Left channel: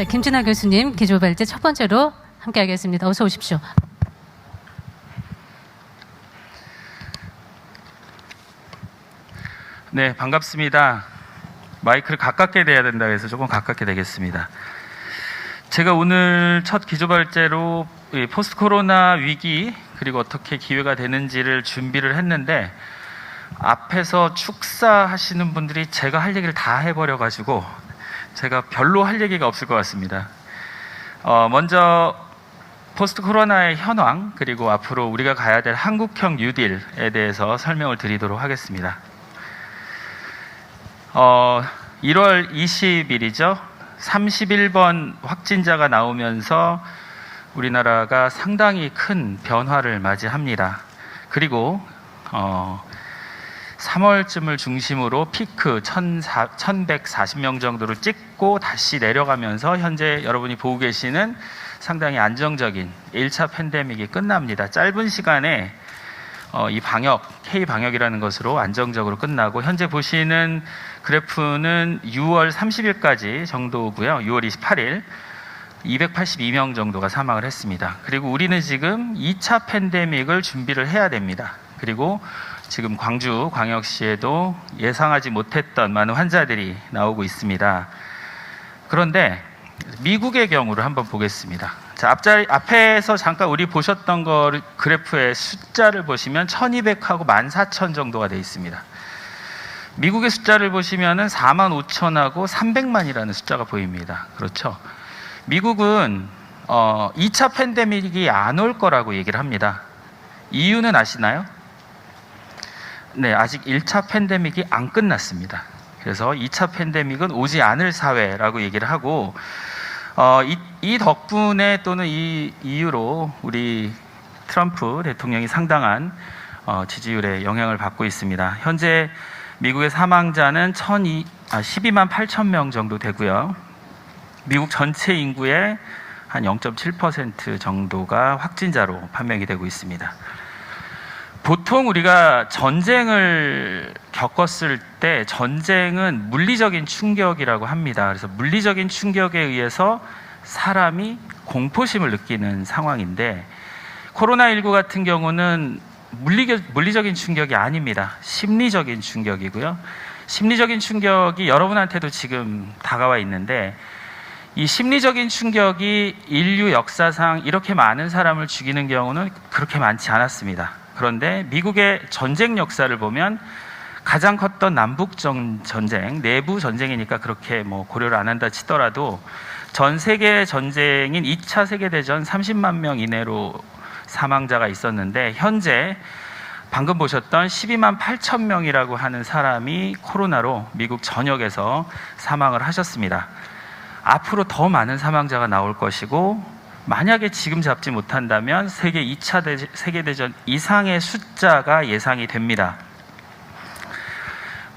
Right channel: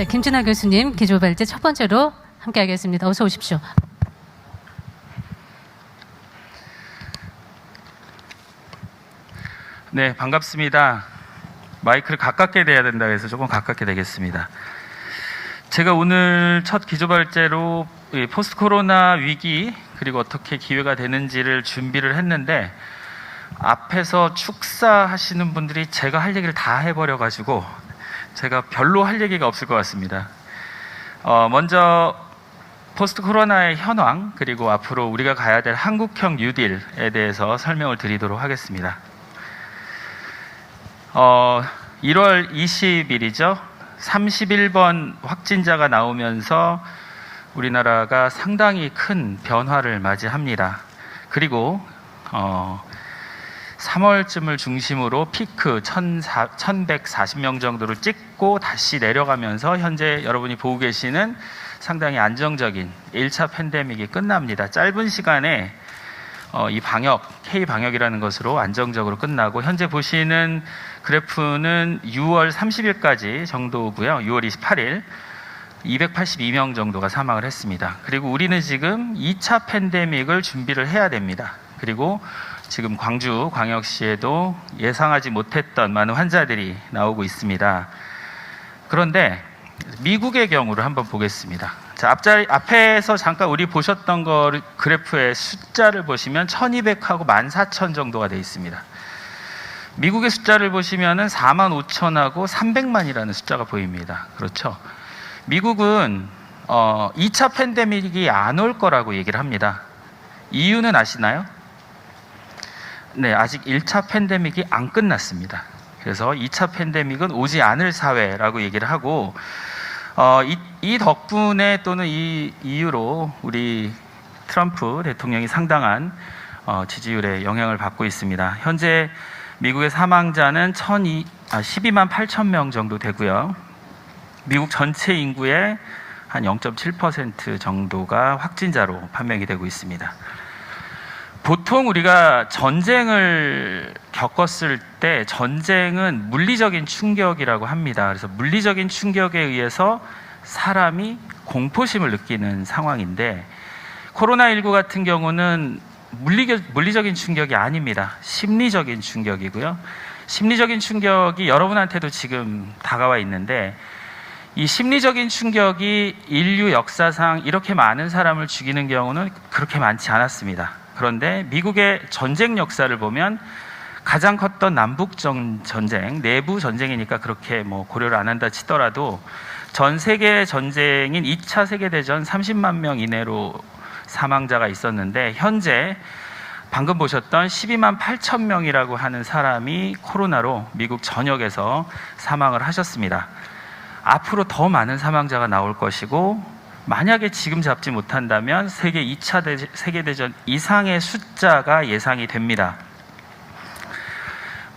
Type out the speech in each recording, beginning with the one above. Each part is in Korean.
자, 김진아 교수님 기조발제 첫 번째로 함께 하겠습니다. 어서 오십시오. 네, 반갑습니다. 마이크를 가깝게 대야 된다고 해서 조금 가깝게 되겠습니다. 제가 오늘 첫 기조발제로 포스트 코로나 위기 그리고 어떻게 기회가 되는지를 준비를 했는데 앞에서 축사하시는 분들이 제가 할 얘기를 다 해버려가지고 제가 별로 할 얘기가 없을 것 같습니다. 먼저 포스트 코로나의 현황 그리고 앞으로 우리가 가야 될 한국형 뉴딜에 대해서 설명을 드리도록 하겠습니다. 1월 20일이죠. 31번 확진자가 나오면서 우리나라가 상당히 큰 변화를 맞이합니다. 그리고 3월쯤을 중심으로 피크 1140명 정도를 찍고 다시 내려가면서 현재 여러분이 보고 계시는 상당히 안정적인 1차 팬데믹이 끝납니다. 짧은 시간에 이 방역, K방역이라는 것으로 안정적으로 끝나고 현재 보시는 그래프는 6월 30일까지 정도고요. 6월 28일 282명 정도가 사망을 했습니다. 그리고 우리는 지금 2차 팬데믹을 준비를 해야 됩니다. 그리고 지금 광주 광역시에도 예상하지 못했던 많은 환자들이 나오고 있습니다. 그런데 미국의 경우를 한번 보겠습니다. 자, 앞에서 잠깐 우리 보셨던 거 그래프의 숫자를 보시면 1200하고 14,000 정도가 되어 있습니다. 미국의 숫자를 보시면은 45,000하고 300만이라는 숫자가 보입니다. 그렇죠? 미국은 2차 팬데믹이 안 올 거라고 얘기를 합니다. 이유는 아시나요? 네, 아직 1차 팬데믹이 안 끝났습니다. 그래서 2차 팬데믹은 오지 않을 사회라고 얘기를 하고 이 덕분에 또는 이 이유로 우리 트럼프 대통령이 상당한 지지율에 영향을 받고 있습니다. 현재 미국의 사망자는 12만 8천 명 정도 되고요. 미국 전체 인구의 한 0.7% 정도가 확진자로 판명이 되고 있습니다. 보통 우리가 전쟁을 겪었을 때 전쟁은 물리적인 충격이라고 합니다. 그래서 물리적인 충격에 의해서 사람이 공포심을 느끼는 상황인데 코로나19 같은 경우는 물리적인 충격이 아닙니다. 심리적인 충격이고요. 심리적인 충격이 여러분한테도 지금 다가와 있는데 이 심리적인 충격이 인류 역사상 이렇게 많은 사람을 죽이는 경우는 그렇게 많지 않았습니다. 그런데 미국의 전쟁 역사를 보면 가장 컸던 남북 전쟁, 내부 전쟁이니까 그렇게 고려를 안 한다 치더라도 전 세계 전쟁인 2차 세계대전 30만 명 이내로 사망자가 있었는데 현재 방금 보셨던 12만 8천 명이라고 하는 사람이 코로나로 미국 전역에서 사망을 하셨습니다. 앞으로 더 많은 사망자가 나올 것이고 만약에 지금 잡지 못한다면 세계 2차 세계대전 이상의 숫자가 예상이 됩니다.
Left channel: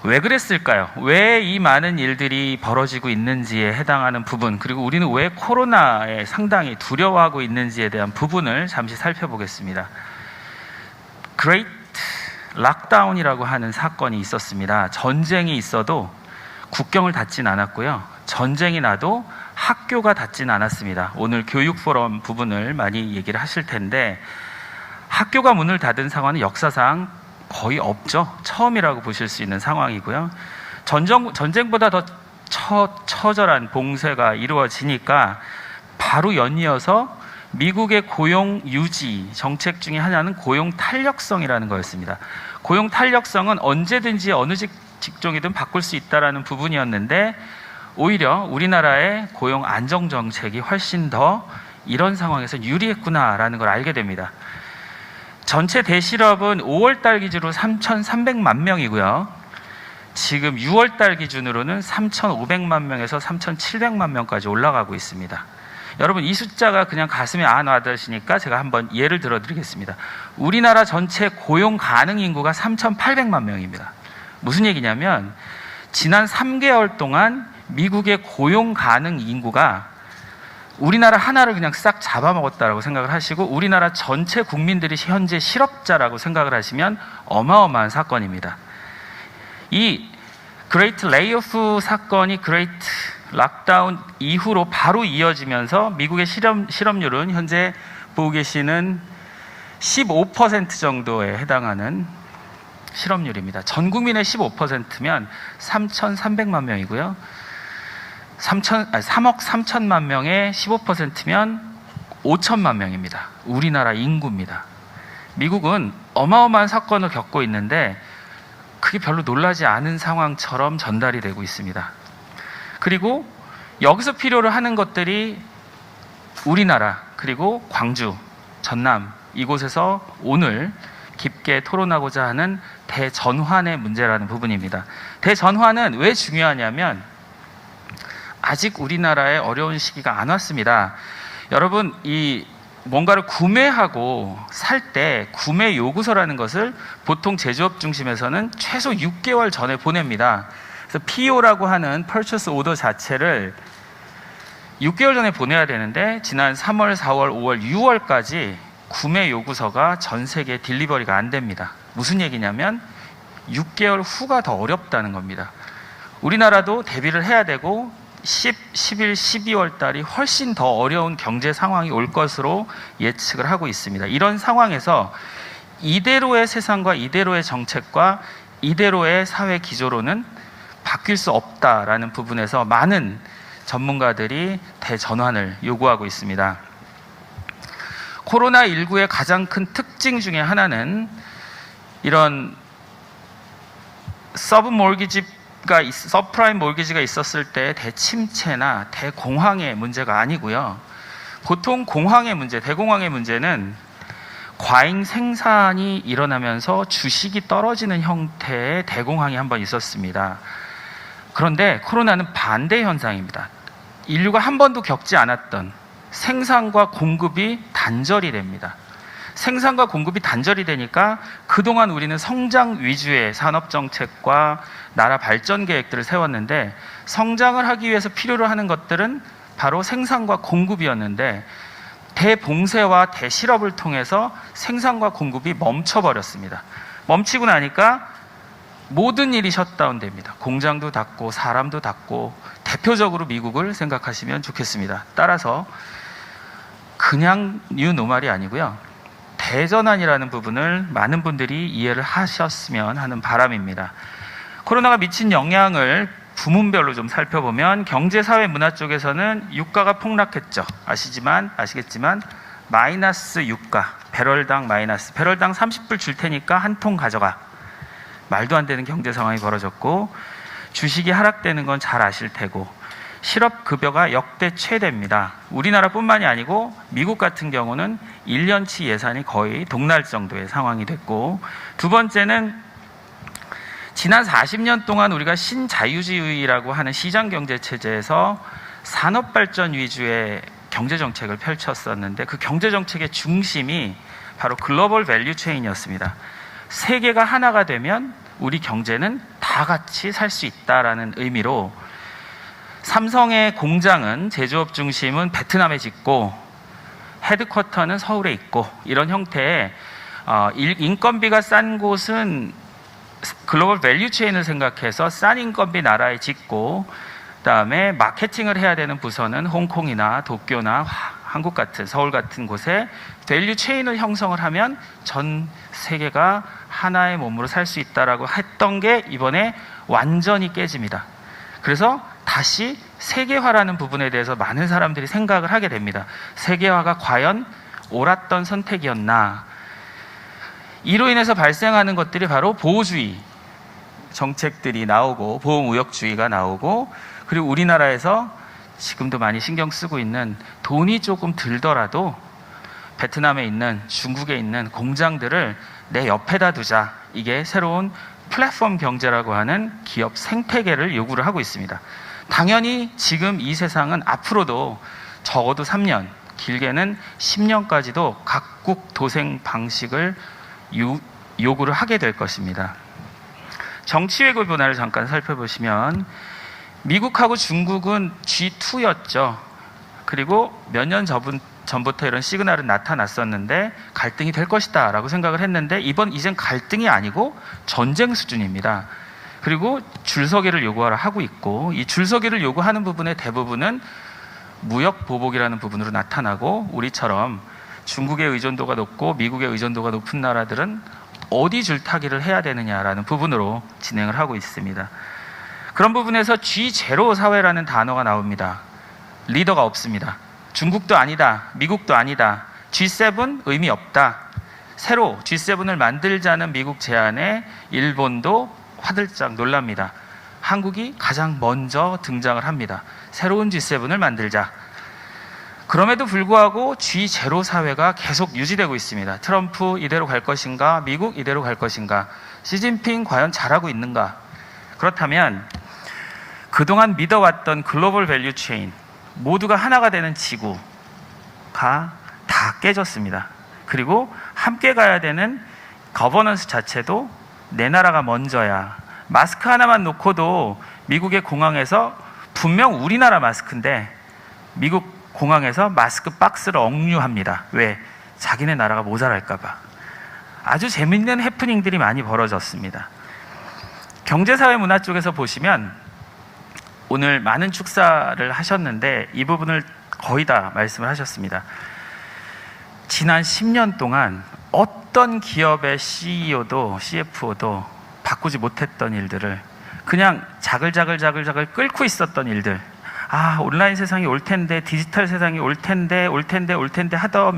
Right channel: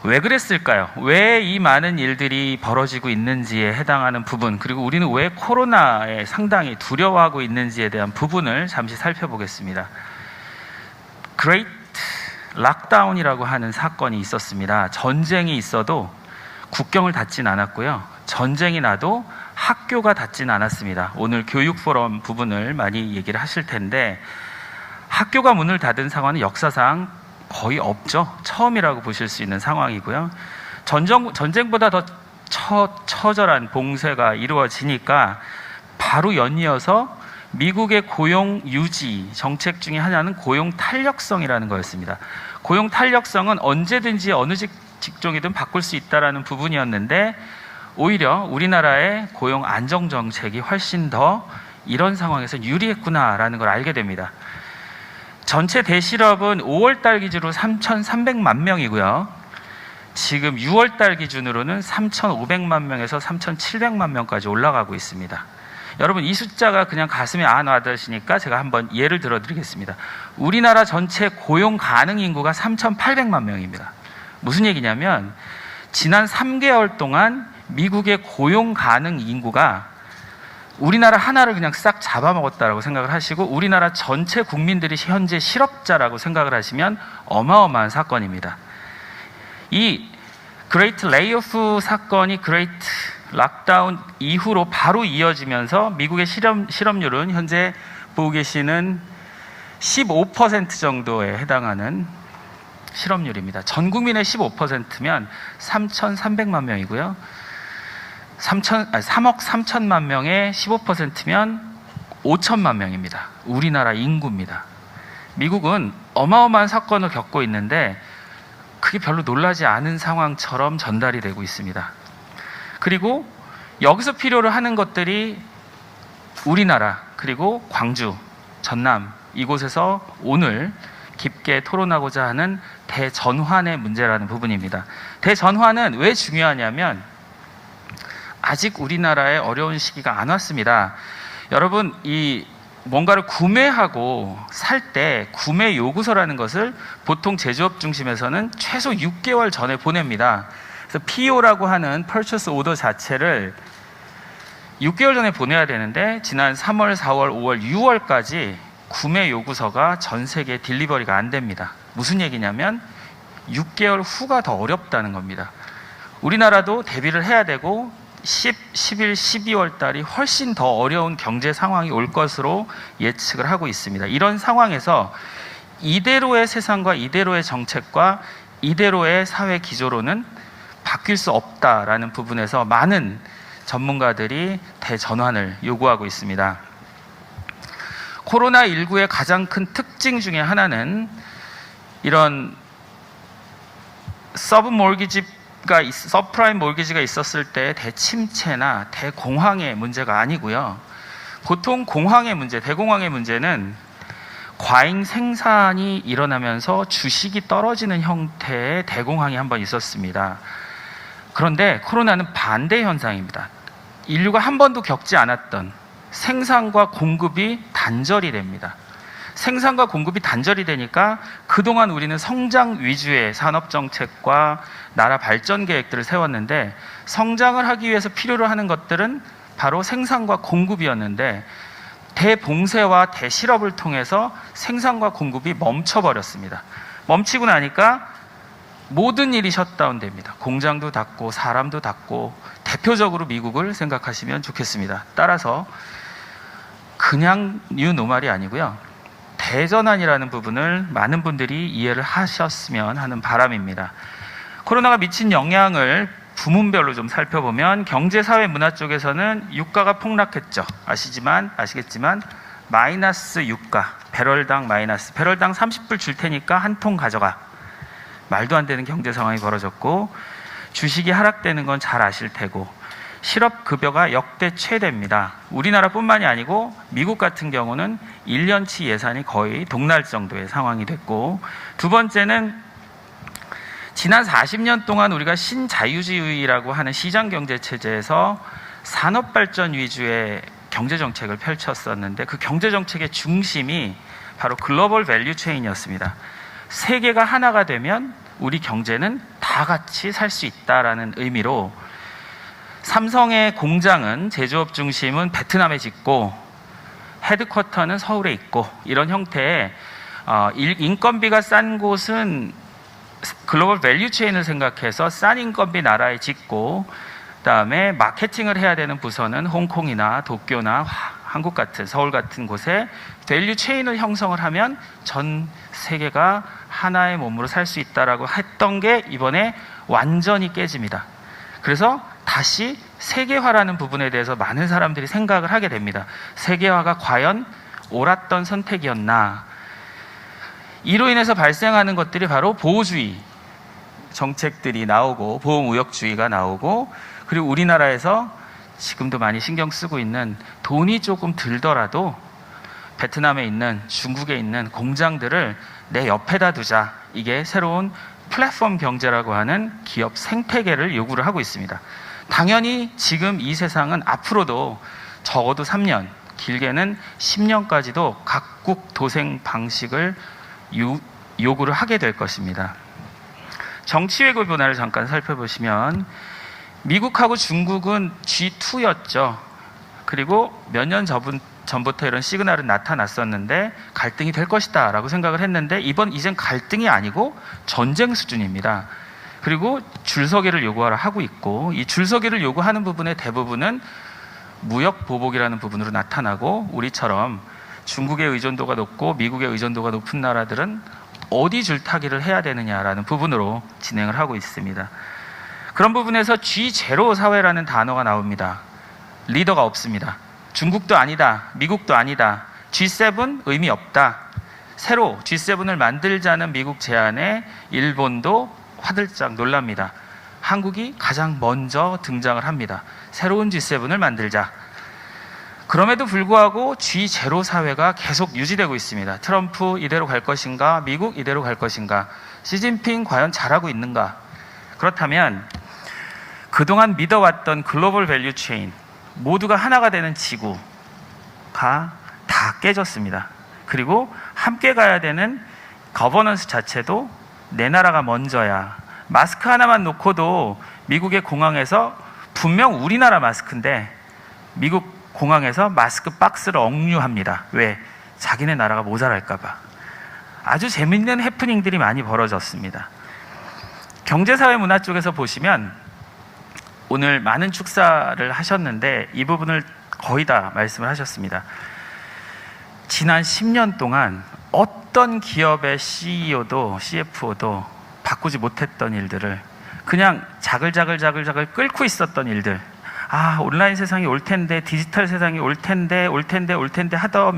왜 그랬을까요? 왜 이 많은 일들이 벌어지고 있는지에 해당하는 부분, 그리고 우리는 왜 코로나에 상당히 두려워하고 있는지에 대한 부분을 잠시 살펴보겠습니다. Great 락다운이라고 하는 사건이 있었습니다. 전쟁이 있어도 국경을 닫진 않았고요. 전쟁이 나도 학교가 닫지는 않았습니다. 오늘 교육 포럼 부분을 많이 얘기를 하실 텐데 학교가 문을 닫은 상황은 역사상 거의 없죠. 처음이라고 보실 수 있는 상황이고요. 전쟁보다 더 처절한 봉쇄가 이루어지니까 바로 연이어서 미국의 고용 유지 정책 중에 하나는 고용 탄력성이라는 거였습니다. 고용 탄력성은 언제든지 어느 직종이든 바꿀 수 있다는 부분이었는데 오히려 우리나라의 고용 안정 정책이 훨씬 더 이런 상황에서 유리했구나라는 걸 알게 됩니다. 전체 대실업은 5월달 기준으로 3,300만 명이고요. 지금 6월달 기준으로는 3,500만 명에서 3,700만 명까지 올라가고 있습니다. 여러분 이 숫자가 그냥 가슴에 안 와닿으시니까 제가 한번 예를 들어드리겠습니다. 우리나라 전체 고용 가능 인구가 3,800만 명입니다. 무슨 얘기냐면 지난 3개월 동안 미국의 고용 가능 인구가 우리나라 하나를 그냥 싹 잡아먹었다라고 생각을 하시고 우리나라 전체 국민들이 현재 실업자라고 생각을 하시면 어마어마한 사건입니다. 이 그레이트 레이오프 사건이 그레이트 락다운 이후로 바로 이어지면서 미국의 실업률은 현재 보고 계시는 15% 정도에 해당하는 실업률입니다. 전 국민의 15%면 3,300만 명이고요. 3억 3천만 명의 15%면 5천만 명입니다. 우리나라 인구입니다. 미국은 어마어마한 사건을 겪고 있는데 그게 별로 놀라지 않은 상황처럼 전달이 되고 있습니다. 그리고 여기서 필요로 하는 것들이 우리나라 그리고 광주, 전남 이곳에서 오늘 깊게 토론하고자 하는 대전환의 문제라는 부분입니다. 대전환은 왜 중요하냐면 아직 우리나라에 어려운 시기가 안 왔습니다. 여러분, 이 뭔가를 구매하고 살 때 구매 요구서라는 것을 보통 제조업 중심에서는 최소 6개월 전에 보냅니다. 그래서 PO라고 하는 Purchase Order 자체를 6개월 전에 보내야 되는데 지난 3월, 4월, 5월, 6월까지 구매 요구서가 전 세계에 딜리버리가 안 됩니다. 무슨 얘기냐면 6개월 후가 더 어렵다는 겁니다. 우리나라도 대비를 해야 되고 11, 12월 달이 훨씬 더 어려운 경제 상황이 올 것으로 예측을 하고 있습니다. 이런 상황에서 이대로의 세상과 이대로의 정책과 이대로의 사회 기조로는 바뀔 수 없다라는 부분에서 많은 전문가들이 대전환을 요구하고 있습니다. 코로나19의 가장 큰 특징 중에 하나는 이런 서브프라임 몰기지가 있었을 때 대침체나 대공황의 문제가 아니고요. 보통 공황의 문제, 대공황의 문제는 과잉 생산이 일어나면서 주식이 떨어지는 형태의 대공황이 한번 있었습니다. 그런데 코로나는 반대 현상입니다. 인류가 한 번도 겪지 않았던 생산과 공급이 단절이 됩니다. 생산과 공급이 단절이 되니까 그동안 우리는 성장 위주의 산업정책과 나라 발전 계획들을 세웠는데 성장을 하기 위해서 필요로 하는 것들은 바로 생산과 공급이었는데 대봉쇄와 대실업을 통해서 생산과 공급이 멈춰버렸습니다. 멈추고 나니까 모든 일이 셧다운됩니다. 공장도 닫고 사람도 닫고 대표적으로 미국을 생각하시면 좋겠습니다. 따라서 그냥 뉴노멀이 아니고요. 대전환이라는 부분을 많은 분들이 이해를 하셨으면 하는 바람입니다. 코로나가 미친 영향을 부문별로 좀 살펴보면 경제, 사회, 문화 쪽에서는 유가가 폭락했죠. 아시겠지만 마이너스 유가, 배럴당 마이너스, 배럴당 30불 줄 테니까 한 통 가져가. 말도 안 되는 경제 상황이 벌어졌고 주식이 하락되는 건 잘 아실 테고 실업급여가 역대 최대입니다. 우리나라뿐만이 아니고 미국 같은 경우는 1년치 예산이 거의 동날 정도의 상황이 됐고 두 번째는 지난 40년 동안 우리가 신자유주의라고 하는 시장경제체제에서 산업발전 위주의 경제정책을 펼쳤었는데 그 경제정책의 중심이 바로 글로벌 밸류체인이었습니다. 세계가 하나가 되면 우리 경제는 다 같이 살 수 있다라는 의미로 삼성의 공장은 제조업 중심은 베트남에 짓고 헤드쿼터는 서울에 있고 이런 형태의 인건비가 싼 곳은 글로벌 밸류체인을 생각해서 싼 인건비 나라에 짓고 그다음에 마케팅을 해야 되는 부서는 홍콩이나 도쿄나 한국 같은 서울 같은 곳에 밸류체인을 형성을 하면 전 세계가 하나의 몸으로 살 수 있다라고 했던 게 이번에 완전히 깨집니다. 그래서 다시 세계화라는 부분에 대해서 많은 사람들이 생각을 하게 됩니다. 세계화가 과연 옳았던 선택이었나? 이로 인해서 발생하는 것들이 바로 보호주의 정책들이 나오고 보호무역주의가 나오고 그리고 우리나라에서 지금도 많이 신경 쓰고 있는 돈이 조금 들더라도 베트남에 있는 중국에 있는 공장들을 내 옆에다 두자. 이게 새로운 플랫폼 경제라고 하는 기업 생태계를 요구를 하고 있습니다. 당연히 지금 이 세상은 앞으로도 적어도 3년, 길게는 10년까지도 각국 도생 방식을 요구를 하게 될 것입니다. 정치 외교 변화를 잠깐 살펴보시면 미국하고 중국은 G2였죠. 그리고 몇 년 전부터 이런 시그널은 나타났었는데 갈등이 될 것이다 라고 생각을 했는데 이젠 갈등이 아니고 전쟁 수준입니다. 그리고 줄서기를 요구하라 하고 있고, 이 줄서기를 요구하는 부분의 대부분은 무역 보복이라는 부분으로 나타나고, 우리처럼 중국의 의존도가 높고 미국의 의존도가 높은 나라들은 어디 줄타기를 해야 되느냐라는 부분으로 진행을 하고 있습니다. 그런 부분에서 G0 사회라는 단어가 나옵니다. 리더가 없습니다. 중국도 아니다. 미국도 아니다. G7 의미 없다. 새로 G7을 만들자는 미국 제안에 일본도 화들짝 놀랍니다. 한국이 가장 먼저 등장을 합니다. 새로운 G7을 만들자. 그럼에도 불구하고 G0 사회가 계속 유지되고 있습니다. 트럼프 이대로 갈 것인가? 미국 이대로 갈 것인가? 시진핑 과연 잘하고 있는가? 그렇다면 그동안 믿어왔던 글로벌 밸류 체인, 모두가 하나가 되는 지구가 다 깨졌습니다. 그리고 함께 가야 되는 거버넌스 자체도 내 나라가 먼저야. 마스크 하나만 놓고도 미국의 공항에서 분명 우리나라 마스크인데 미국 공항에서 마스크 박스를 억류합니다. 왜? 자기네 나라가 모자랄까 봐. 아주 재밌는 해프닝들이 많이 벌어졌습니다. 경제사회 문화 쪽에서 보시면 오늘 많은 축사를 하셨는데 이 부분을 거의 다 말씀을 하셨습니다. 지난 10년 동안 어떤 기업의 CEO도 CFO도 바꾸지 못했던 일들을 그냥 자글자글 끓고 있었던 일들, 온라인 세상이 올 텐데, 디지털 세상이 올 텐데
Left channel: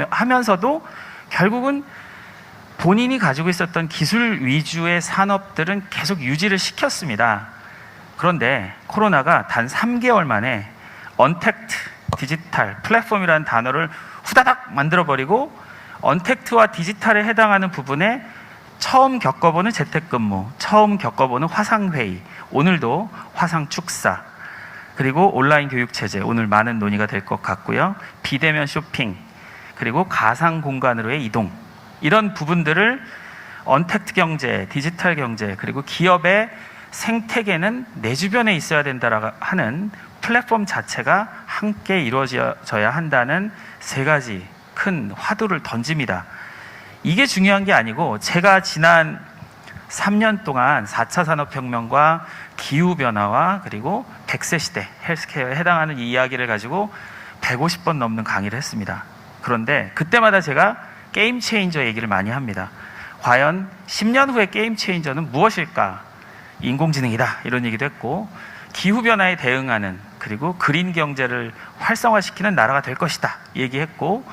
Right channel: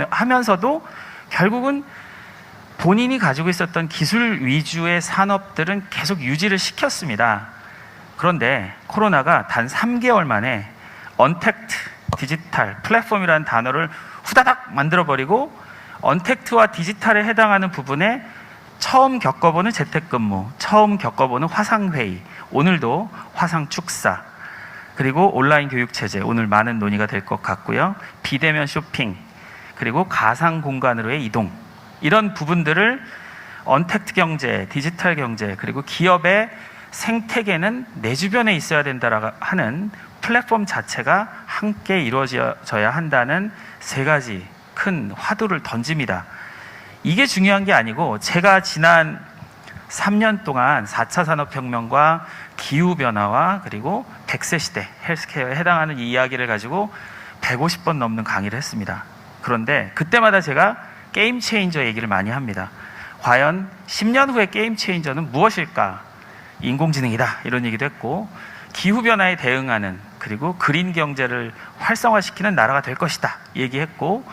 하면서도 결국은 본인이 가지고 있었던 기술 위주의 산업들은 계속 유지를 시켰습니다. 그런데 코로나가 단 3개월 만에 언택트 디지털 플랫폼이라는 단어를 후다닥 만들어버리고 언택트와 디지털에 해당하는 부분에 처음 겪어보는 재택근무, 처음 겪어보는 화상회의, 오늘도 화상축사, 그리고 온라인 교육체제, 오늘 많은 논의가 될 것 같고요. 비대면 쇼핑, 그리고 가상 공간으로의 이동, 이런 부분들을 언택트 경제, 디지털 경제, 그리고 기업의 생태계는 내 주변에 있어야 된다라고 하는 플랫폼 자체가 함께 이루어져야 한다는 세 가지 큰 화두를 던집니다. 이게 중요한 게 아니고 제가 지난 3년 동안 4차 산업혁명과 기후변화와 그리고 100세 시대 헬스케어에 해당하는 이 이야기를 가지고 150번 넘는 강의를 했습니다. 그런데 그때마다 제가 게임 체인저 얘기를 많이 합니다. 과연 10년 후의 게임 체인저는 무엇일까? 인공지능이다, 이런 얘기도 했고, 기후변화에 대응하는, 그리고 그린 경제를 활성화시키는 나라가 될 것이다 얘기했고,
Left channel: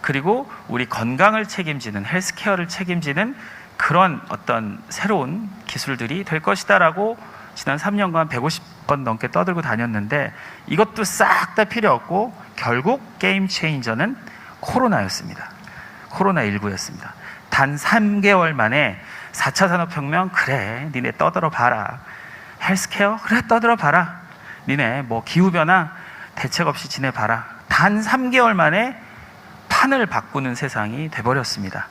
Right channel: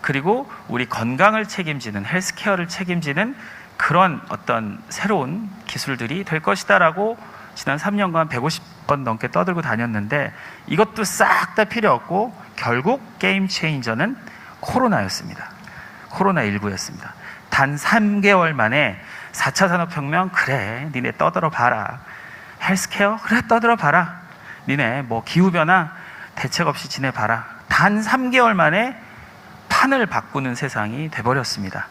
그리고 우리 건강을 책임지는, 헬스케어를 책임지는 그런 어떤 새로운 기술들이 될 것이다라고 지난 3년간 150번 넘게 떠들고 다녔는데, 이것도 싹 다 필요 없고 결국 게임 체인저는 코로나였습니다. 코로나19였습니다. 단 3개월 만에 4차 산업혁명, 그래 니네 떠들어 봐라. 헬스케어, 그래 떠들어 봐라. 니네 뭐 기후변화 대책 없이 지내봐라. 단 3개월 만에 판을 바꾸는 세상이 돼버렸습니다.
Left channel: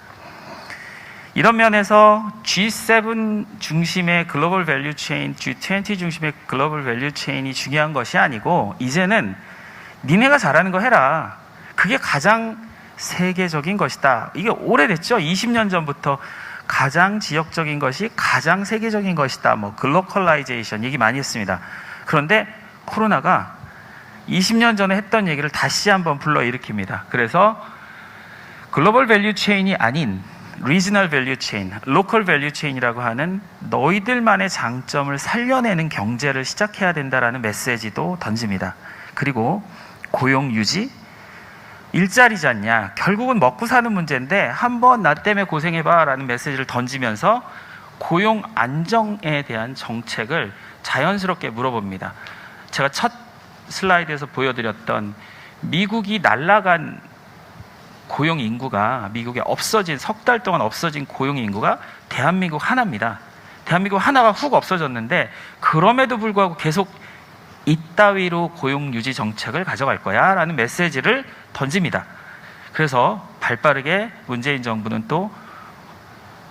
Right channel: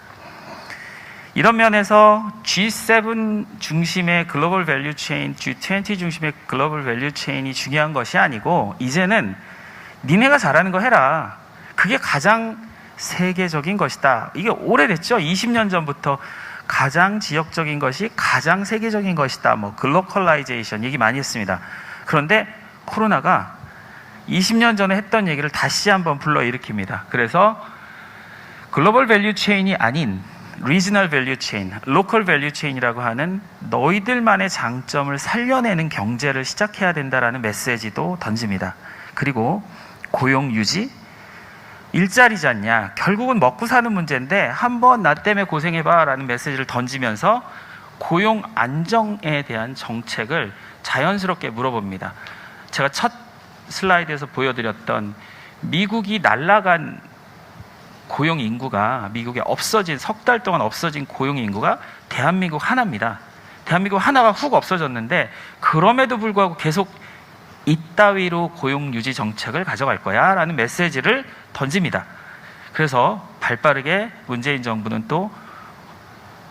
이런 면에서 G7 중심의 글로벌 밸류 체인, G20 중심의 글로벌 밸류 체인이 중요한 것이 아니고, 이제는 니네가 잘하는 거 해라. 그게 가장 세계적인 것이다. 이게 오래됐죠. 20년 전부터 가장 지역적인 것이 가장 세계적인 것이다. 뭐 글로컬라이제이션 얘기 많이 했습니다. 그런데 코로나가 20년 전에 했던 얘기를 다시 한번 불러일으킵니다. 그래서 글로벌 밸류 체인이 아닌 리지널 밸류 체인, 로컬 밸류 체인이라고 하는 너희들만의 장점을 살려내는 경제를 시작해야 된다라는 메시지도 던집니다. 그리고 고용 유지, 일자리잖냐, 결국은 먹고 사는 문제인데 한번 나 때문에 고생해봐 라는 메시지를 던지면서 고용 안정에 대한 정책을 자연스럽게 물어봅니다. 제가 첫 슬라이드에서 보여드렸던 미국이 날아간 고용 인구가, 미국에 없어진, 석 달 동안 없어진 고용 인구가 대한민국 하나입니다. 대한민국 하나가 훅 없어졌는데, 그럼에도 불구하고 계속 이따위로 고용 유지 정책을 가져갈 거야 라는 메시지를 던집니다. 그래서 발빠르게 문재인 정부는 또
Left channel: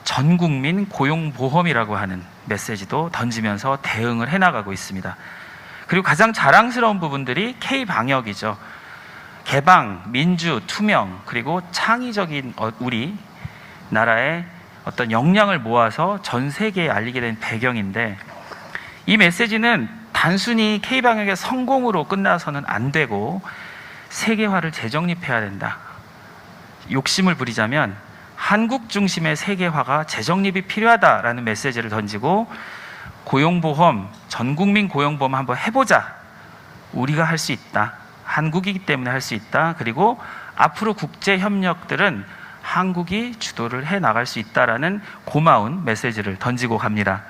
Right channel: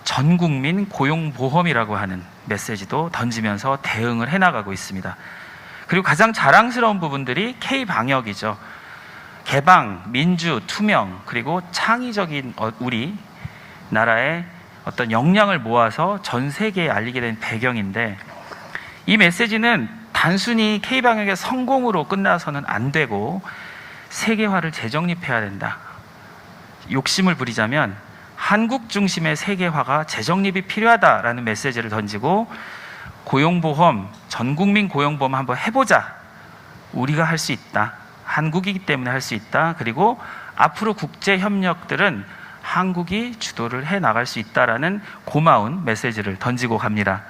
전국민 고용보험이라고 하는 메시지도 던지면서 대응을 해나가고 있습니다. 그리고 가장 자랑스러운 부분들이 K방역이죠. 개방, 민주, 투명, 그리고 창의적인 우리 나라의 어떤 역량을 모아서 전 세계에 알리게 된 배경인데, 이 메시지는 단순히 K방역의 성공으로 끝나서는 안 되고 세계화를 재정립해야 된다. 욕심을 부리자면 한국 중심의 세계화가 재정립이 필요하다라는 메시지를 던지고 고용보험, 전국민 고용보험 한번 해보자. 우리가 할 수 있다. 한국이기 때문에 할 수 있다. 그리고 앞으로 국제협력들은 한국이 주도를 해나갈 수 있다라는 고마운 메시지를 던지고 갑니다.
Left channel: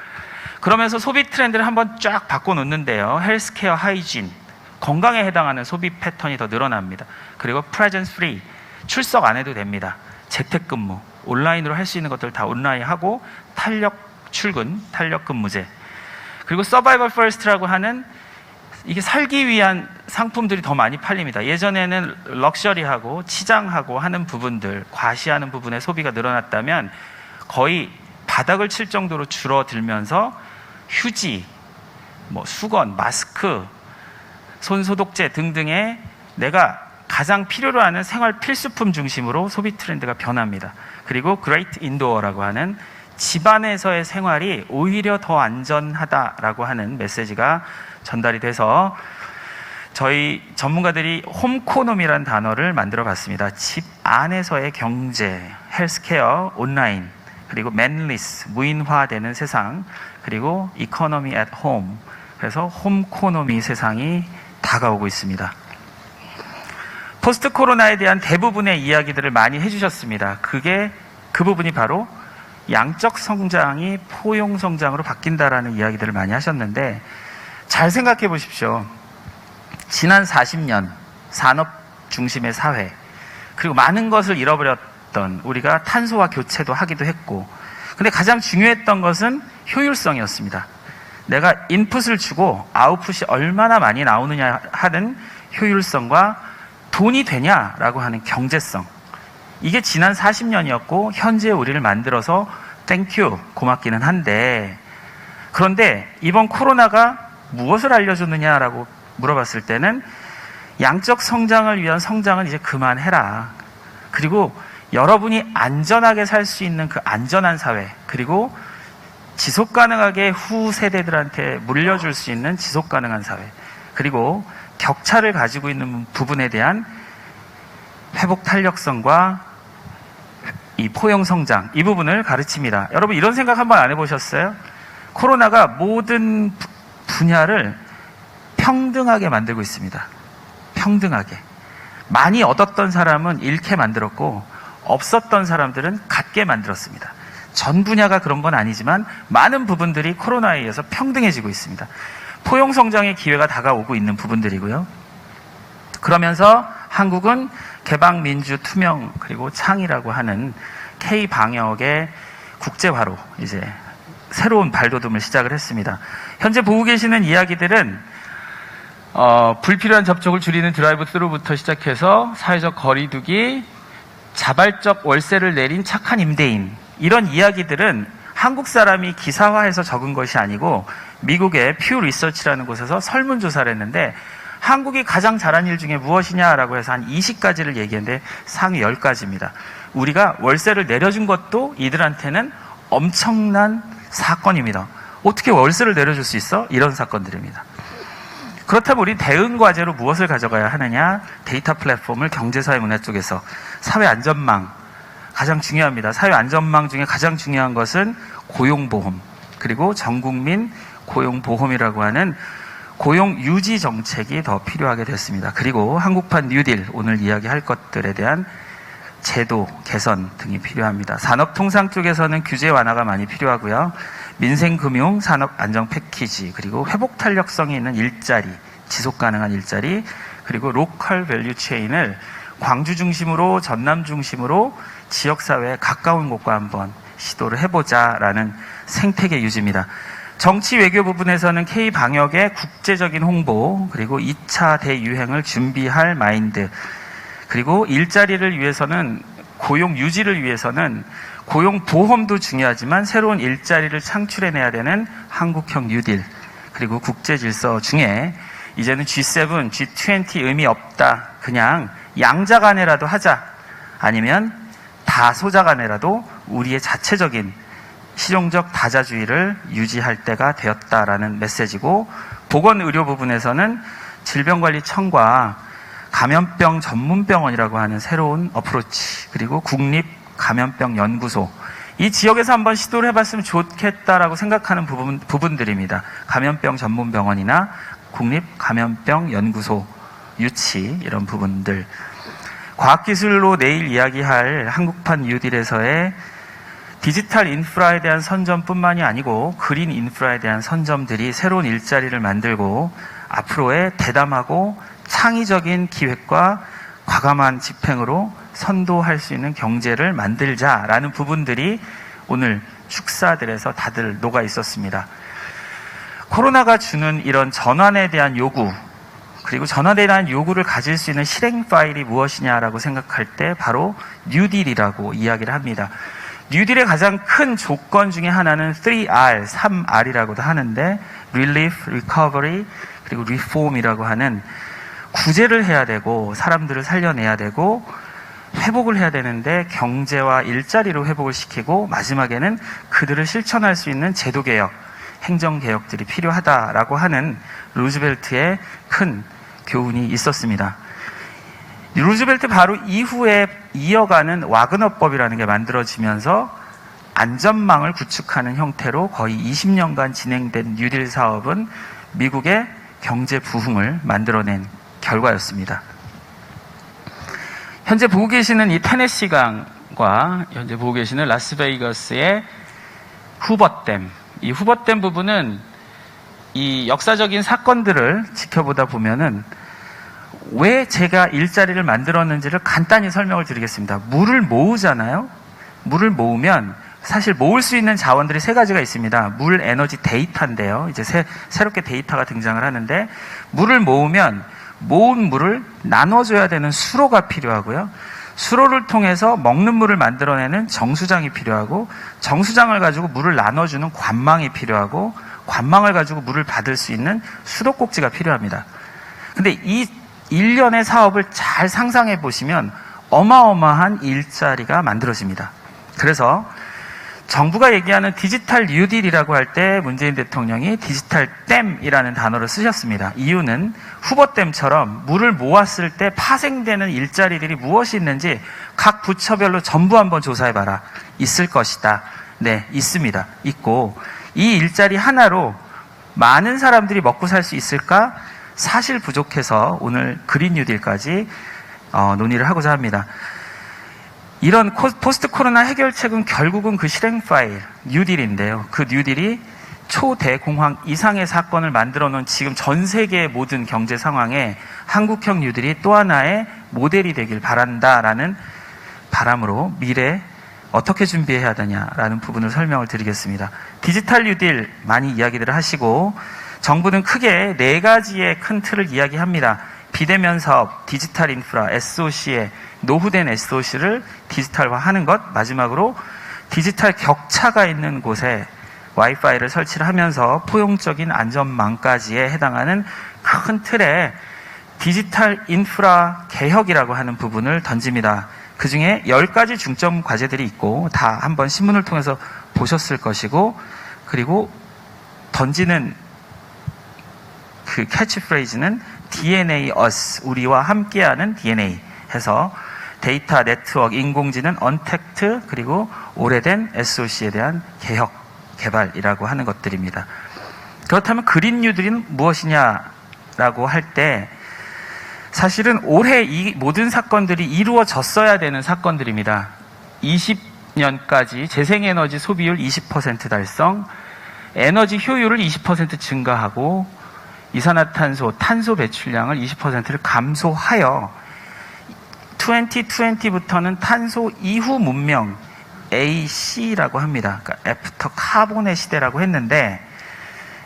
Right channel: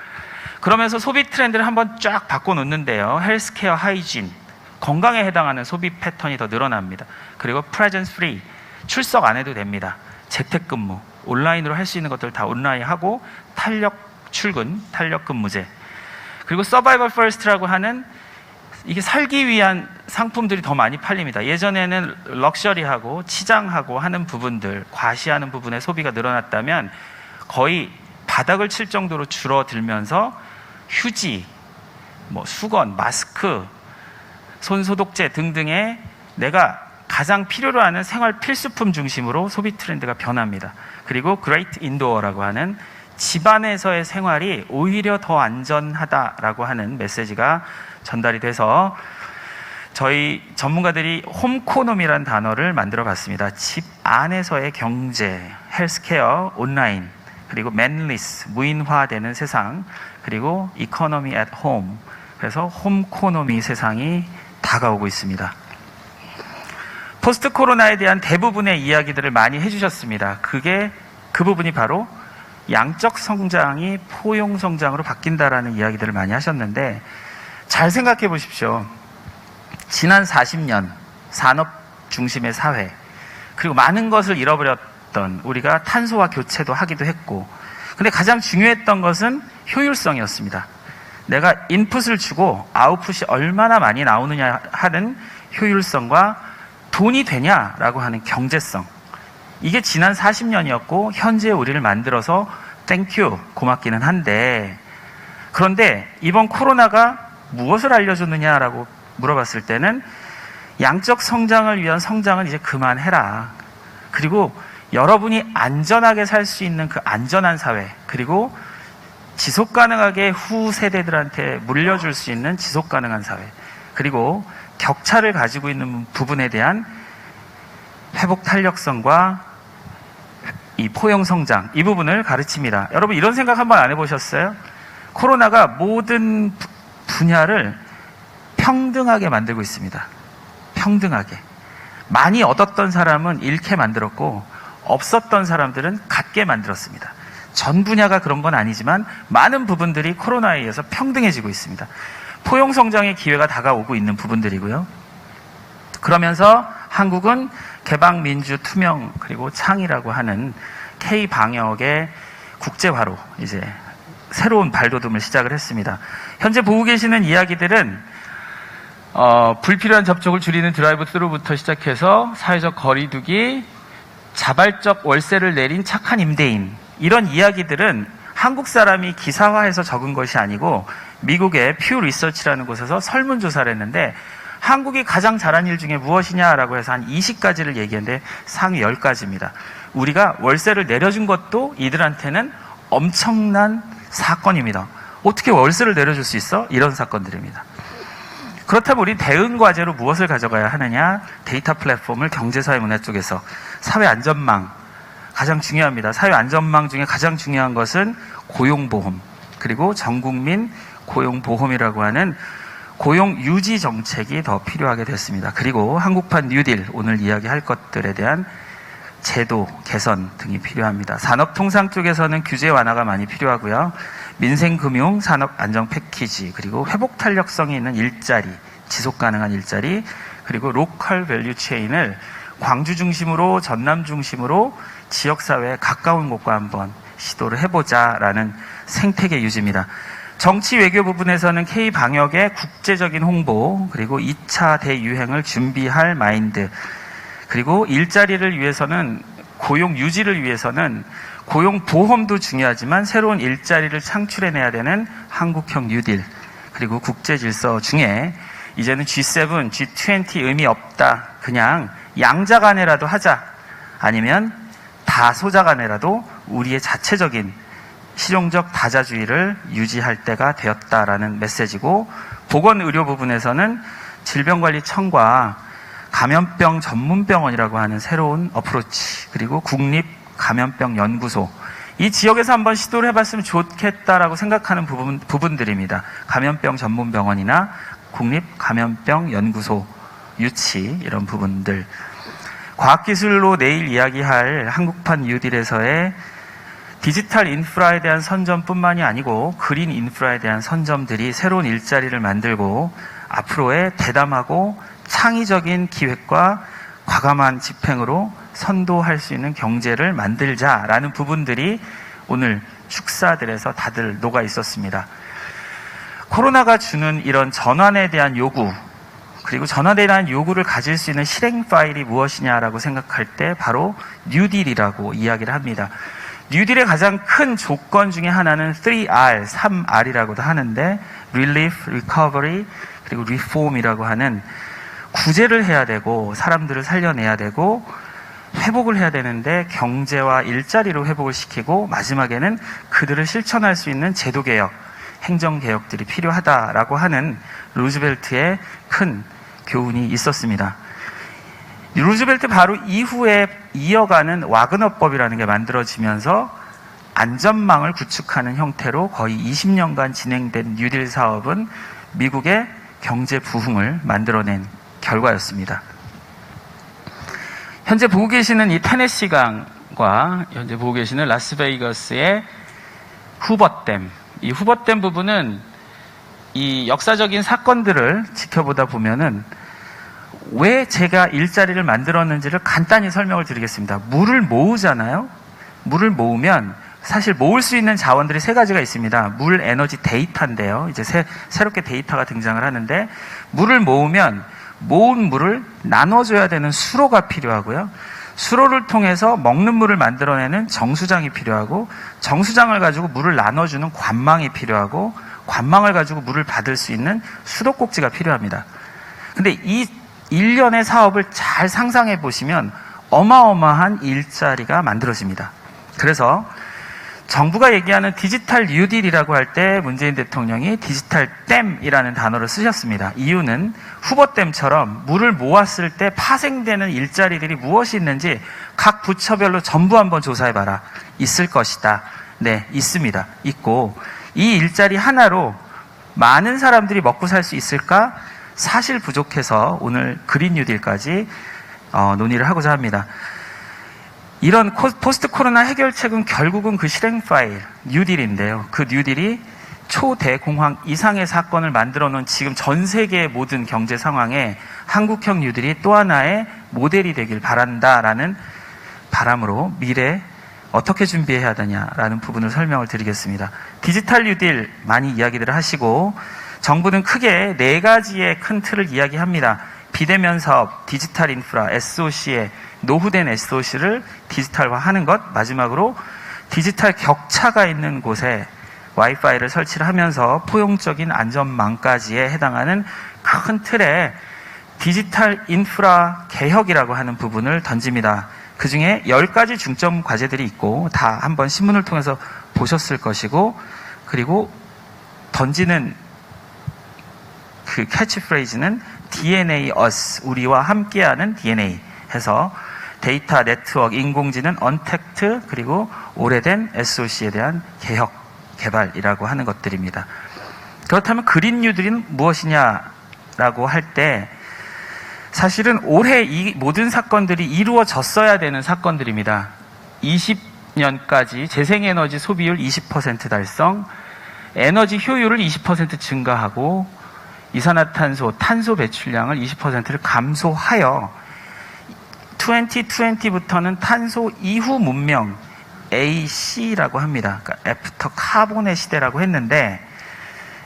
그러면서 소비 트렌드를 한번 쫙 바꿔놓는데요. 헬스케어, 하이진, 건강에 해당하는 소비 패턴이 더 늘어납니다. 그리고 프레젠스 프리, 출석 안 해도 됩니다. 재택근무, 온라인으로 할 수 있는 것들 다 온라인 하고 탄력 출근, 탄력 근무제. 그리고 서바이벌 퍼스트라고 하는 이게 살기 위한 상품들이 더 많이 팔립니다. 예전에는 럭셔리하고 치장하고 하는 부분들, 과시하는 부분의 소비가 늘어났다면 거의 바닥을 칠 정도로 줄어들면서 휴지, 수건, 마스크, 손소독제 등등의 내가 가장 필요로 하는 생활 필수품 중심으로 소비 트렌드가 변합니다. 그리고 그레이트 인도어라고 하는 집안에서의 생활이 오히려 더 안전하다라고 하는 메시지가 전달이 돼서 저희 전문가들이 홈코노미라는 단어를 만들어 봤습니다. 집 안에서의 경제, 헬스케어, 온라인, 그리고 맨리스, 무인화되는 세상, 그리고 이코노미 앳 홈, 그래서 홈코노미 세상이 다가오고 있습니다. 포스트 코로나에 대한 대부분의 이야기들을 많이 해주셨습니다. 그 부분이 바로 양적 성장이 포용 성장으로 바뀐다라는 이야기들을 많이 하셨는데 잘 생각해 보십시오. 지난 40년 산업 중심의 사회, 그리고 많은 것을 잃어버렸던 우리가 탄소화 교체도 하기도 했고, 근데 가장 중요했던 것은 효율성이었습니다. 내가 인풋을 주고 아웃풋이 얼마나 많이 나오느냐 하는 효율성과 돈이 되냐라고 하는 경제성. 이게 지난 40년이었고 현재 우리를 만들어서 땡큐 고맙기는 한데, 그런데 이번 코로나가 무엇을 알려줬느냐라고 물어봤을 때는 양적 성장을 위한 성장은 이제 그만해라. 그리고 여러분이 안전하게 살 수 있는 그 안전한 사회, 그리고 지속 가능하게 후 세대들한테 물려줄 수 있는 지속 가능한 사회, 그리고 격차를 가지고 있는 부분에 대한 회복 탄력성과 이 포용 성장, 이 부분을 가르칩니다. 여러분 이런 생각 한번 안 해보셨어요? 코로나가 모든 분야를 평등하게 만들고 있습니다. 평등하게. 많이 얻었던 사람은 잃게 만들었고 없었던 사람들은 갖게 만들었습니다. 전 분야가 그런 건 아니지만 많은 부분들이 코로나에 의해서 평등해지고 있습니다. 포용 성장의 기회가 다가오고 있는 부분들이고요. 그러면서 한국은 개방, 민주, 투명, 그리고 창의라고 하는 K-방역의 국제화로 이제 새로운 발돋움을 시작을 했습니다. 현재 보고 계시는 이야기들은 불필요한 접촉을 줄이는 드라이브 스루부터 시작해서 사회적 거리두기, 자발적 월세를 내린 착한 임대인, 이런 이야기들은 한국 사람이 기사화해서 적은 것이 아니고 미국의 퓨 리서치라는 곳에서 설문조사를 했는데 한국이 가장 잘한 일 중에 무엇이냐라고 해서 한 20가지를 얘기했는데 상위 10가지입니다. 우리가 월세를 내려준 것도 이들한테는 엄청난 사건입니다. 어떻게 월세를 내려줄 수 있어? 이런 사건들입니다. 그렇다면 우리 대응 과제로 무엇을 가져가야 하느냐? 데이터 플랫폼을 경제사회 문화 쪽에서 사회 안전망, 가장 중요합니다. 사회 안전망 중에 가장 중요한 것은 고용보험, 그리고 전국민 고용보험이라고 하는 고용 유지 정책이 더 필요하게 됐습니다. 그리고 한국판 뉴딜, 오늘 이야기할 것들에 대한 제도 개선 등이 필요합니다. 산업통상 쪽에서는 규제 완화가 많이 필요하고요. 민생금융, 산업안정 패키지, 그리고 회복 탄력성이 있는 일자리, 지속 가능한 일자리, 그리고 로컬 밸류 체인을 광주 중심으로, 전남 중심으로 지역사회에 가까운 곳과 한번 시도를 해보자라는 생태계 유지입니다. 정치 외교 부분에서는 K-방역의 국제적인 홍보, 그리고 2차 대유행을 준비할 마인드, 그리고 일자리를 위해서는, 고용 유지를 위해서는 고용보험도 중요하지만 새로운 일자리를 창출해내야 되는 한국형 뉴딜, 그리고 국제질서 중에 이제는 G7, G20 의미 없다, 그냥 양자간에라도 하자, 아니면 다소자간에라도 우리의 자체적인 실용적 다자주의를 유지할 때가 되었다라는 메시지고, 보건의료 부분에서는 질병관리청과 감염병 전문병원이라고 하는 새로운 어프로치, 그리고 국립감염병연구소, 이 지역에서 한번 시도를 해봤으면 좋겠다라고 생각하는 부분들입니다. 감염병 전문병원이나 국립감염병연구소 유치, 이런 부분들. 과학기술로 내일 이야기할 한국판 뉴딜에서의 디지털 인프라에 대한 선점뿐만이 아니고 그린 인프라에 대한 선점들이 새로운 일자리를 만들고 앞으로의 대담하고 창의적인 기획과 과감한 집행으로 선도할 수 있는 경제를 만들자라는 부분들이 오늘 축사들에서 다들 녹아 있었습니다. 코로나가 주는 이런 전환에 대한 요구, 그리고 전환에 대한 요구를 가질 수 있는 실행 파일이 무엇이냐라고 생각할 때 바로 뉴딜이라고 이야기를 합니다. 뉴딜의 가장 큰 조건 중에 하나는 3R, 3R이라고도 하는데 Relief, Recovery, 그리고 Reform이라고 하는 구제를 해야 되고 사람들을 살려내야 되고 회복을 해야 되는데 경제와 일자리로 회복을 시키고 마지막에는 그들을 실천할 수 있는 제도개혁, 행정개혁들이 필요하다라고 하는 루즈벨트의 큰 교훈이 있었습니다. 루즈벨트 바로 이후에 이어가는 와그너법이라는 게 만들어지면서 안전망을 구축하는 형태로 거의 20년간 진행된 뉴딜 사업은 미국의 경제 부흥을 만들어낸 결과였습니다. 현재 보고 계시는 이 테네시강과 현재 보고 계시는 라스베이거스의 후버댐, 이 후버댐 부분은 이 역사적인 사건들을 지켜보다 보면은 왜 제가 일자리를 만들었는지를 간단히 설명을 드리겠습니다. 물을 모으잖아요. 물을 모으면 사실 모을 수 있는 자원들이 세 가지가 있습니다. 물, 에너지, 데이터인데요. 이제 새롭게 데이터가 등장을 하는데, 물을 모으면 모은 물을 나눠줘야 되는 수로가 필요하고요. 수로를 통해서 먹는 물을 만들어내는 정수장이 필요하고, 정수장을 가지고 물을 나눠주는 관망이 필요하고, 관망을 가지고 물을 받을 수 있는 수도꼭지가 필요합니다. 근데 이 일련의 사업을 잘 상상해 보시면 어마어마한 일자리가 만들어집니다. 그래서 정부가 얘기하는 디지털 뉴딜이라고 할 때 문재인 대통령이 디지털 댐이라는 단어를 쓰셨습니다. 이유는 후버댐처럼 물을 모았을 때 파생되는 일자리들이 무엇이 있는지 각 부처별로 전부 한번 조사해봐라. 있을 것이다. 네, 있습니다. 있고 이 일자리 하나로 많은 사람들이 먹고 살 수 있을까? 사실 부족해서 오늘 그린 뉴딜까지 논의를 하고자 합니다. 이런 포스트 코로나 해결책은 결국은 그 실행 파일, 뉴딜인데요. 그 뉴딜이 초대공황 이상의 사건을 만들어 놓은 지금 전 세계의 모든 경제 상황에 한국형 뉴딜이 또 하나의 모델이 되길 바란다라는 바람으로 미래 어떻게 준비해야 되냐라는 부분을 설명을 드리겠습니다. 디지털 뉴딜 많이 이야기들을 하시고 정부는 크게 네 가지의 큰 틀을 이야기합니다. 비대면 사업, 디지털 인프라, SOC의 노후된 SOC를 디지털화하는 것, 마지막으로 디지털 격차가 있는 곳에 와이파이를 설치를 하면서 포용적인 안전망까지에 해당하는 큰 틀의 디지털 인프라 개혁이라고 하는 부분을 던집니다. 그 중에 10가지 중점 과제들이 있고 다 한번 신문을 통해서 보셨을 것이고, 그리고 던지는 그 캐치프레이즈는 DNA us, 우리와 함께하는 DNA 해서 데이터, 네트워크, 인공지능, 언택트, 그리고 오래된 SOC에 대한 개혁, 개발이라고 하는 것들입니다. 그렇다면 그린 뉴딜은 무엇이냐라고 할 때 사실은 올해 이 모든 사건들이 이루어졌어야 되는 사건들입니다. 20년까지 재생에너지 소비율 20% 달성, 에너지 효율을 20% 증가하고 이산화탄소, 탄소 배출량을 20%를 감소하여 2020부터는 탄소 이후 문명 AC라고 합니다. 그러니까 애프터 카본의 시대라고 했는데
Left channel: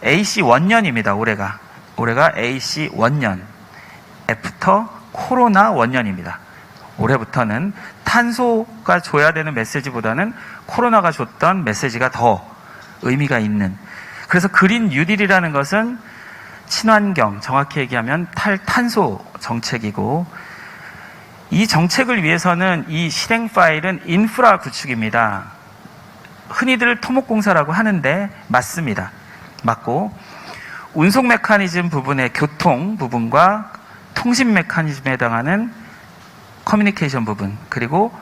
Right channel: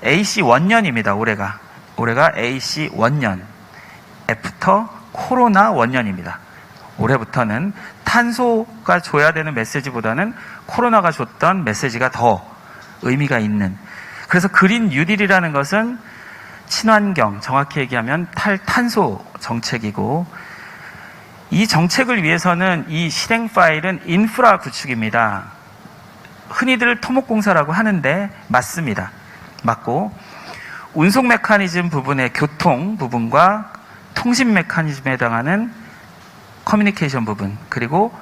AC 원년입니다. 올해가 AC 원년, 애프터 코로나 원년입니다. 올해부터는 탄소가 줘야 되는 메시지보다는 코로나가 줬던 메시지가 더 의미가 있는, 그래서 그린 뉴딜이라는 것은 친환경, 정확히 얘기하면 탈탄소 정책이고, 이 정책을 위해서는 이 실행 파일은 인프라 구축입니다. 흔히들 토목공사라고 하는데 맞습니다. 맞고 운송 메커니즘 부분의 교통 부분과 통신 메커니즘에 해당하는 커뮤니케이션 부분 그리고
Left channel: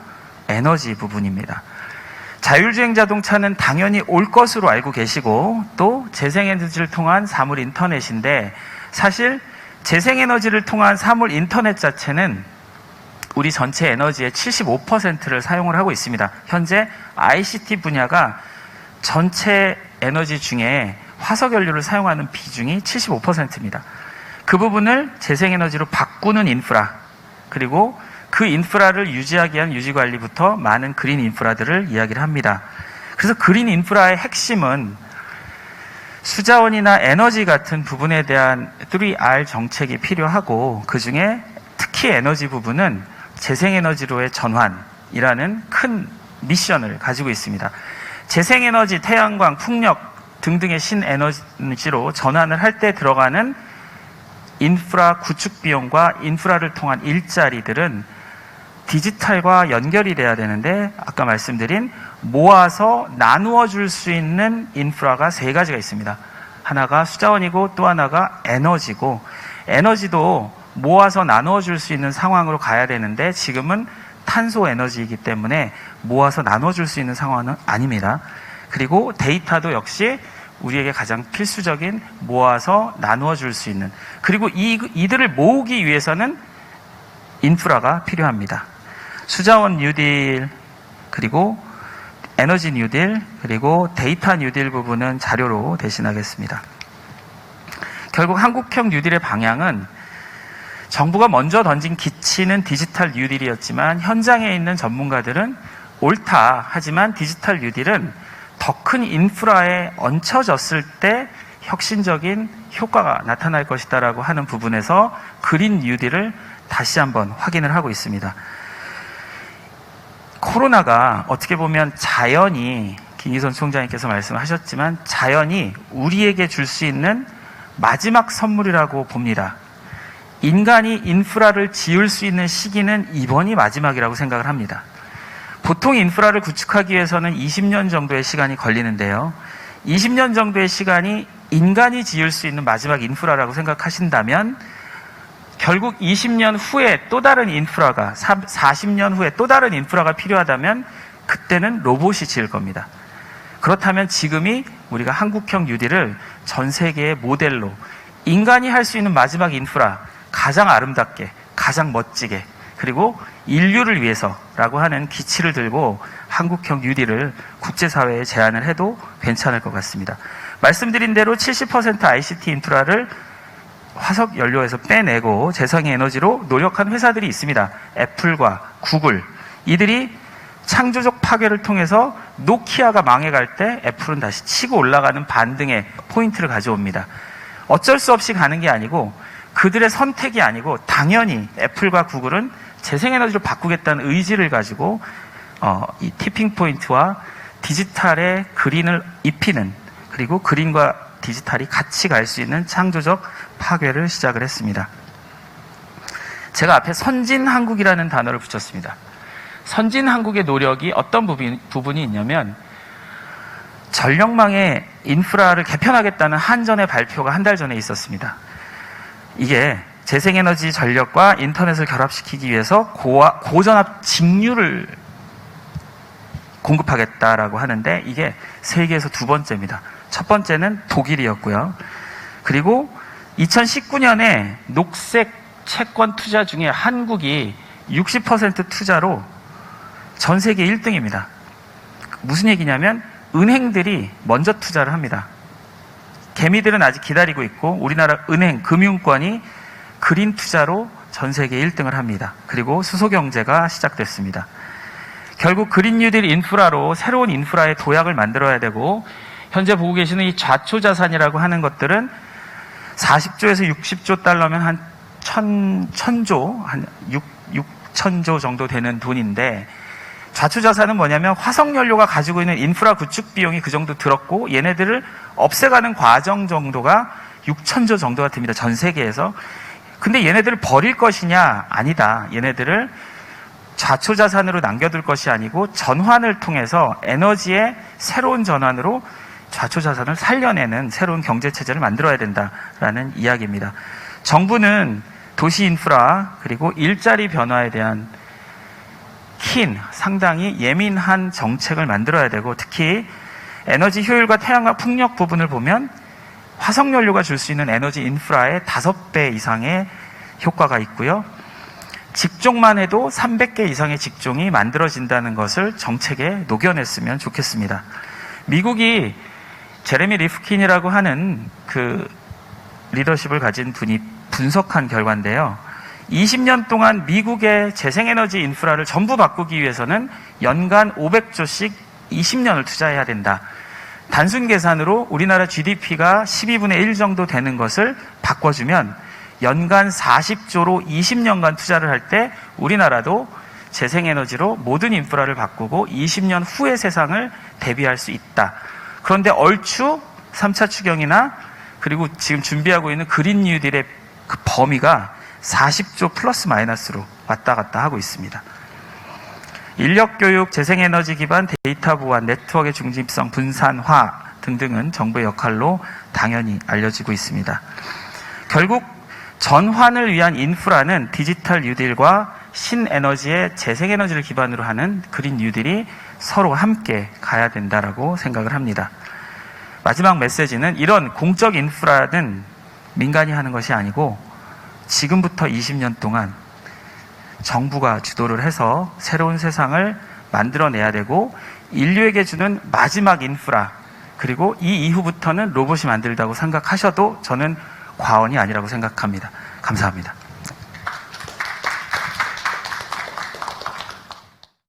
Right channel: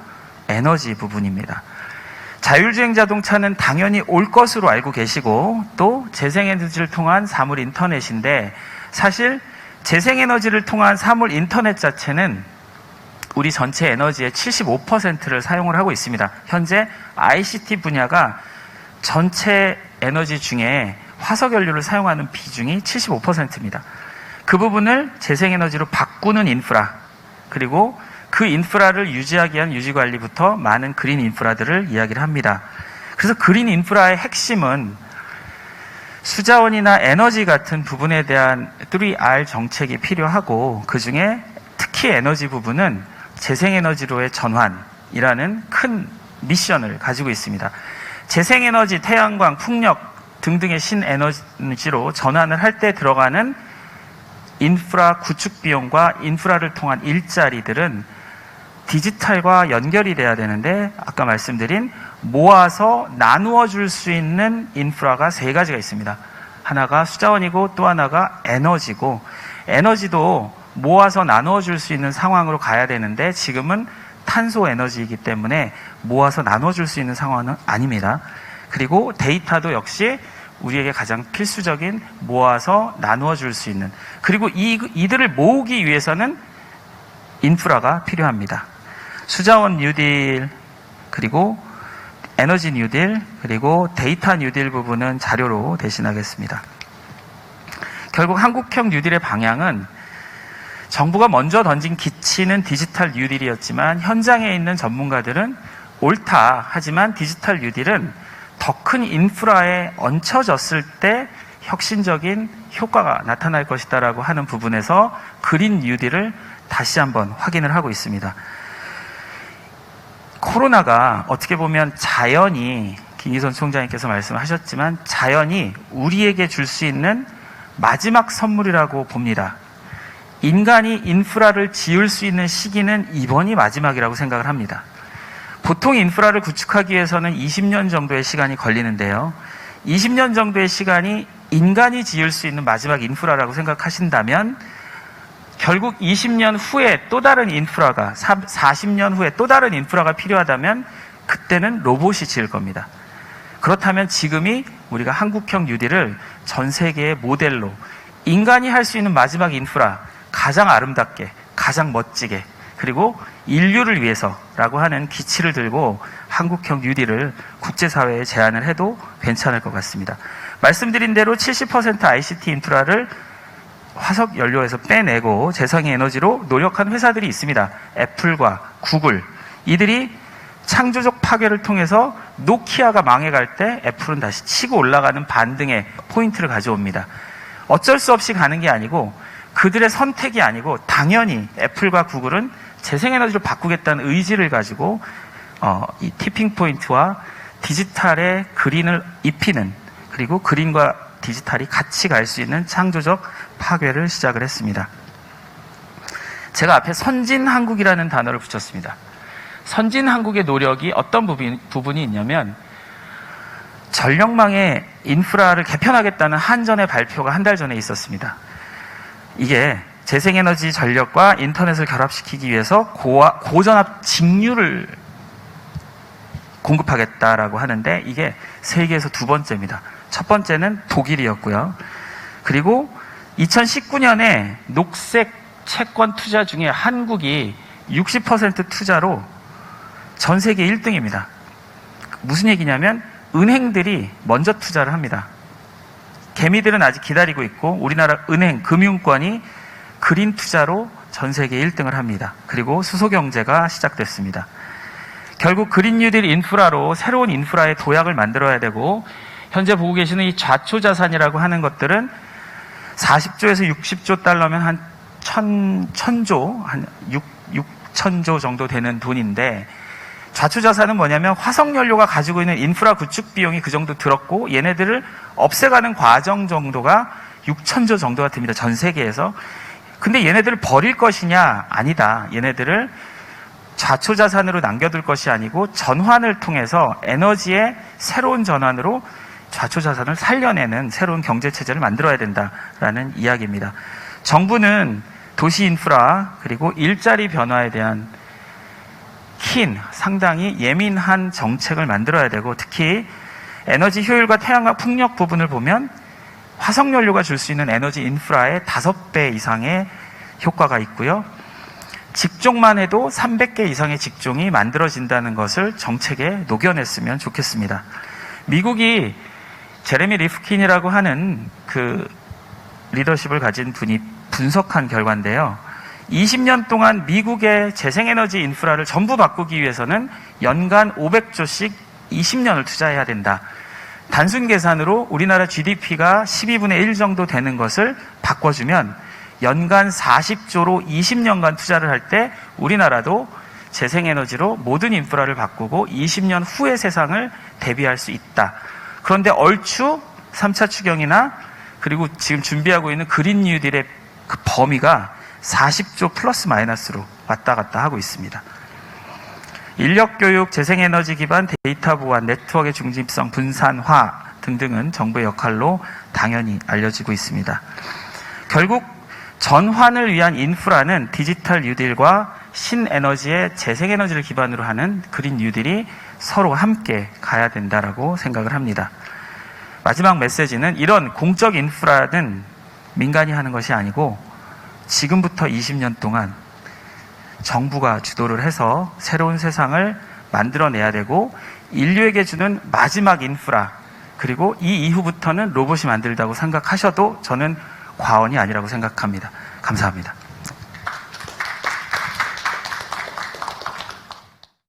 에너지 부분입니다. 자율주행 자동차는 당연히 올 것으로 알고 계시고 또 재생에너지를 통한 사물 인터넷인데 사실 재생에너지를 통한 사물 인터넷 자체는 우리 전체 에너지의 75%를 사용을 하고 있습니다. 현재 ICT 분야가 전체 에너지 중에 화석연료를 사용하는 비중이 75%입니다. 그 부분을 재생에너지로 바꾸는 인프라 그리고 그 인프라를 유지하기 위한 유지관리부터 많은 그린 인프라들을 이야기를 합니다. 그래서 그린 인프라의 핵심은 수자원이나 에너지 같은 부분에 대한 3R 정책이 필요하고 그중에 특히 에너지 부분은 재생에너지로의 전환이라는 큰 미션을 가지고 있습니다. 재생에너지, 태양광, 풍력 등등의 신에너지로 전환을 할 때 들어가는 인프라 구축 비용과 인프라를 통한 일자리들은 디지털과 연결이 돼야 되는데 아까 말씀드린 모아서 나누어 줄 수 있는 인프라가 세 가지가 있습니다. 하나가 수자원이고 또 하나가 에너지고 에너지도 모아서 나누어 줄 수 있는 상황으로 가야 되는데 지금은 탄소 에너지이기 때문에 모아서 나눠 줄 수 있는 상황은 아닙니다. 그리고 데이터도 역시 우리에게 가장 필수적인 모아서 나누어 줄 수 있는 그리고 이들을 모으기 위해서는 인프라가 필요합니다. 수자원 뉴딜 그리고 에너지 뉴딜 그리고 데이터 뉴딜 부분은 자료로 대신하겠습니다. 결국 한국형 뉴딜의 방향은 정부가 먼저 던진 기치는 디지털 뉴딜이었지만 현장에 있는 전문가들은 옳다 하지만 디지털 뉴딜은 더 큰 인프라에 얹혀졌을 때 혁신적인 효과가 나타날 것이다라고 하는 부분에서 그린 뉴딜을 다시 한번 확인을 하고 있습니다. 코로나가 어떻게 보면 자연이 김희선 총장님께서 말씀하셨지만 자연이 우리에게 줄 수 있는 마지막 선물이라고 봅니다. 인간이 인프라를 지을 수 있는 시기는 이번이 마지막이라고 생각을 합니다. 보통 인프라를 구축하기 위해서는 20년 정도의 시간이 걸리는데요. 20년 정도의 시간이 인간이 지을 수 있는 마지막 인프라라고 생각하신다면 결국 20년 후에 또 다른 인프라가 40년 후에 또 다른 인프라가 필요하다면 그때는 로봇이 지을 겁니다. 그렇다면 지금이 우리가 한국형 뉴딜을 전 세계의 모델로 인간이 할 수 있는 마지막 인프라 가장 아름답게 가장 멋지게 그리고 인류를 위해서라고 하는 기치를 들고 한국형 뉴딜을 국제사회에 제안을 해도 괜찮을 것 같습니다. 말씀드린 대로 70% ICT 인프라를 화석 연료에서 빼내고 재생의 에너지로 노력한 회사들이 있습니다. 애플과 구글. 이들이 창조적 파괴를 통해서 노키아가 망해갈 때 애플은 다시 치고 올라가는 반등의 포인트를 가져옵니다. 어쩔 수 없이 가는 게 아니고 그들의 선택이 아니고 당연히 애플과 구글은 재생에너지로 바꾸겠다는 의지를 가지고 이 티핑 포인트와 디지털의 그린을 입히는 그리고 그린과 디지털이 같이 갈 수 있는 창조적 파괴를 시작을 했습니다. 제가 앞에 선진한국이라는 단어를 붙였습니다. 선진한국의 노력이 어떤 부분이 있냐면 전력망의 인프라를 개편하겠다는 한전의 발표가 한 달 전에 있었습니다. 이게 재생에너지 전력과 인터넷을 결합시키기 위해서 고전압 직류를 공급하겠다라고 하는데 이게 세계에서 두 번째입니다. 첫 번째는 독일이었고요. 그리고 2019년에 녹색 채권 투자 중에 한국이 60% 투자로 전 세계 1등입니다. 무슨 얘기냐면 은행들이 먼저 투자를 합니다. 개미들은 아직 기다리고 있고 우리나라 은행, 금융권이 그린 투자로 전 세계 1등을 합니다. 그리고 수소경제가 시작됐습니다. 결국 그린 뉴딜 인프라로 새로운 인프라의 도약을 만들어야 되고 현재 보고 계시는 이 좌초자산이라고 하는 것들은 40조에서 60조 달러면 한 1000조, 한 6천조 정도 되는 돈인데 좌초자산은 뭐냐면 화석연료가 가지고 있는 인프라 구축 비용이 그 정도 들었고 얘네들을 없애가는 과정 정도가 6천조 정도가 듭니다. 전 세계에서. 근데 얘네들을 버릴 것이냐? 아니다. 얘네들을 좌초 자산으로 남겨둘 것이 아니고 전환을 통해서 에너지의 새로운 전환으로 좌초 자산을 살려내는 새로운 경제체제를 만들어야 된다라는 이야기입니다. 정부는 도시 인프라 그리고 일자리 변화에 대한 상당히 예민한 정책을 만들어야 되고, 특히 에너지 효율과 태양광 풍력 부분을 보면 화석연료가 줄 수 있는 에너지 인프라의 5배 이상의 효과가 있고요. 직종만 해도 300개 이상의 직종이 만들어진다는 것을 정책에 녹여냈으면 좋겠습니다. 미국이 제레미 리프킨이라고 하는 그 리더십을 가진 분이 분석한 결과인데요. 20년 동안 미국의 재생에너지 인프라를 전부 바꾸기 위해서는 연간 500조씩 20년을 투자해야 된다. 단순 계산으로 우리나라 GDP가 12분의 1 정도 되는 것을 바꿔주면 연간 40조로 20년간 투자를 할 때 우리나라도 재생에너지로 모든 인프라를 바꾸고 20년 후의 세상을 대비할 수 있다. 그런데 얼추 3차 추경이나 그리고 지금 준비하고 있는 그린 뉴딜의 그 범위가 40조 플러스 마이너스로 왔다 갔다 하고 있습니다. 인력교육, 재생에너지 기반 데이터 보안, 네트워크의 중립성, 분산화 등등은 정부의 역할로 당연히 알려지고 있습니다. 결국 전환을 위한 인프라는 디지털 뉴딜과 신에너지의 재생에너지를 기반으로 하는 그린 뉴딜이 서로 함께 가야 된다라고 생각을 합니다. 마지막 메시지는 이런 공적 인프라는 민간이 하는 것이 아니고 지금부터 20년 동안 정부가 주도를 해서 새로운 세상을 만들어내야 되고, 인류에게 주는 마지막 인프라, 그리고 이 이후부터는 로봇이 만들다고 생각하셔도 저는 과언이 아니라고 생각합니다. 감사합니다.